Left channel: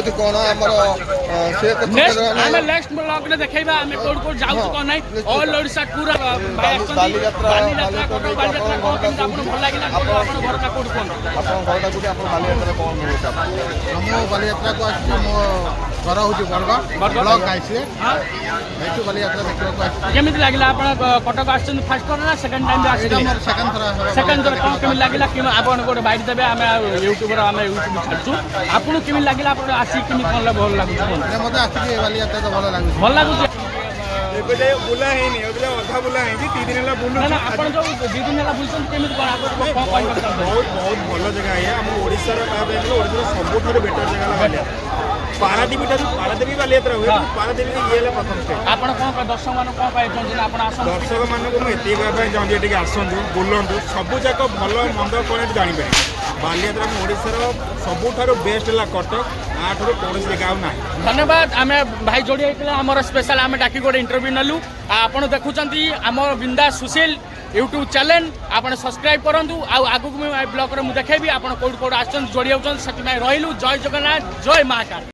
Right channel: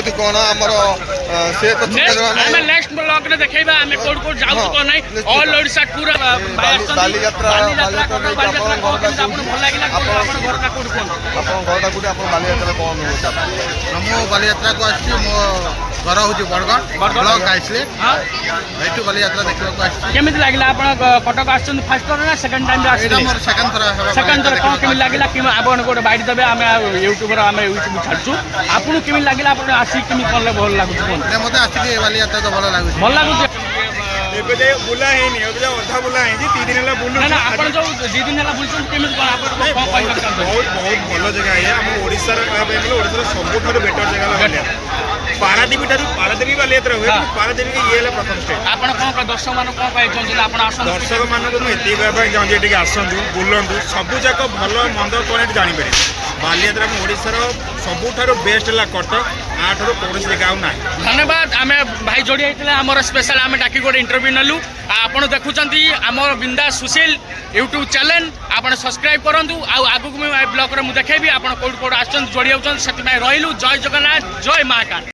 ଅନୁଭୂତି କ'ଣ ଆମର ସେ ତ ଆମେ ନେକ୍ସଟ ବ୍ଲଗ ରେ ଦେଖେଇବା ଆମେ କୋଉଠି କୋଉଠି ଯାଉଛୁ କ'ଣ ନାହିଁ ଅଲ୍ ଓଡ଼ିଶା ଟୁର ଭାଇ ଆସୁଛନ୍ତି ବାଲିଯାତ୍ରା କଟକ ବାଲିଯାତ୍ରା କ'ଣ କେମିତି ଆପଣଙ୍କୁ ଭଲ ଲାଗିଲା କୋଉଠି ଆପଣ ଘରଟା କୋଉଠି କୁହନ୍ତୁ ଆପଣଙ୍କ ଘରଟା କୋଉଠି ଆପଣ ବାଲିଯାତ୍ରା କ'ଣ ମିଳୁଛି ମୁଁ ବାଲିଯାତ୍ରାକୁ ଆସିଛି ମୋ ଘର ହେଉଛି ବରଗଡ଼ ବ୍ଲକ ଆସିଲେ ଏଇଠୁ ବାଲିଯାତ୍ରା ଦେଖିବାକୁ ଆସିଛି କେମିତି ଲାଗିଲା ଆପଣ କଟକ ଆସିଛନ୍ତି ଫାର୍ଷ୍ଟ ଥର ନା ସେକେଣ୍ଡ ଟାଇମ୍ ଏଇଟା ମୋର ସେକେଣ୍ଡ ଥର ସେକେଣ୍ଡ ଥର କ'ଣ କେମିତି ଲାଗିଲା କିମ୍ବା ଆପଣ ଗୋଟେ ବାଇଟ୍ ଦେବେ ଆମେ ୟୁଟ୍ୟୁବରେ ଆମେ ୟୁଟ୍ୟୁବ ଛାଡ଼ୁଛୁ ଆପଣଙ୍କୁ କେମିତି ଲାଗିଲା ଆପଣ ଆସିକି କେମିତି କଲେ ଭଲ ଲାଗୁଛି ମୋତେ ଆସିକି ବାଲିଯାତ୍ରା ତ ଭଲ ଲାଗୁଛି ଭଲ ଲାଗୁଛି ଏବେ ଯାଏ ବୁଲା ହେଇନି ଏବେ ଯାଏ ଅଧା ବୁଲା ହେଇଛି 3 ଦିନ ହେଲା ବୁଲୁ ନା ଆପଣ ଯୋଉ 2 ଦିନ ହେଲା ବୁଲୁଛନ୍ତି କେମିତି କ'ଣ ଆପଣ କ'ଣ କହିବାକୁ ଚାହୁଁଛନ୍ତି ବହୁତ ଭଲ ଜାଗା ଇଏ ଆମ ଓଡ଼ିଶାର କହିବା ପାଇଁ ଗଲେ ଓଡ଼ିଶାର ସବୁଠାରୁ ବେଟର ଜାଗା ହେଲା ବାଲିଯାତ୍ରା ପାରାଦୀପ ଠାରୁ ପାରାଦୀପ ବାଲିଯାତ୍ରା ହୁଏ କିନ୍ତୁ ପାରାଦୀପ ଇଏ ହେଲା ପ୍ରଥମ ଷ୍ଟେଟ୍ ଆପଣ କ'ଣ ଦର୍ଶକ ମାନଙ୍କୁ କ'ଣ କହିବାକୁ ଚାହୁଁଛନ୍ତି ଆପଣ ଆସନ୍ତୁ ଦର୍ଶକ ମାନଙ୍କୁ ମୁଁ ଏତିକି କହିବା ପାଇଁ ଚାହୁଁଛି ଏଠିକି ଆସନ୍ତୁ ବୁଲନ୍ତୁ ସବୁ ଯାକ ଭଲ ମନ୍ଦ କ'ଣ ଏଠି ଜାଣିପାରିବେ ବାଲିଯାତ୍ରା ଆମ ଓଡ଼ିଶାର ସବୁଠାରୁ ବେଷ୍ଟ ହେଲା କଟକ ଆଠାରୁ କୌଣସି ଜାଗା ଆଉ ନାହିଁ ଧନ୍ୟବାଦ ଆମେ ଭାଇ ଯୋଡ଼ି ହେଇଥିଲେ ଆମର ସ୍ପେଶାଲ ଆମେ ଡାକି ଗୋଟେ ଇଣ୍ଟରଭ୍ୟୁ ନେଲୁ ଆପଣ ଦେଖୁଛନ୍ତି ଆମର ବିନ୍ଦାସ ସୁଶୀଲ ୟୁଟ୍ୟୁବ ଚ୍ୟାନେଲ ଆପଣ ସବସ୍କ୍ରାଇବ୍ କରନ୍ତୁ ଆଉ ଆଗକୁ ମୁଁ ବ୍ଲଗରେ ମୁଁ ଦେଖେଇବି ଆପଣ କୋଉଠି କୋଉଠି ଆସୁଛନ୍ତି ଯୋଡ଼ି ହେଉଛନ୍ତି ସେଥିପାଇଁ ରହିଲୁ ଜୟ ଜଗନ୍ନାଥ ଜୟ ମହାକାଳ।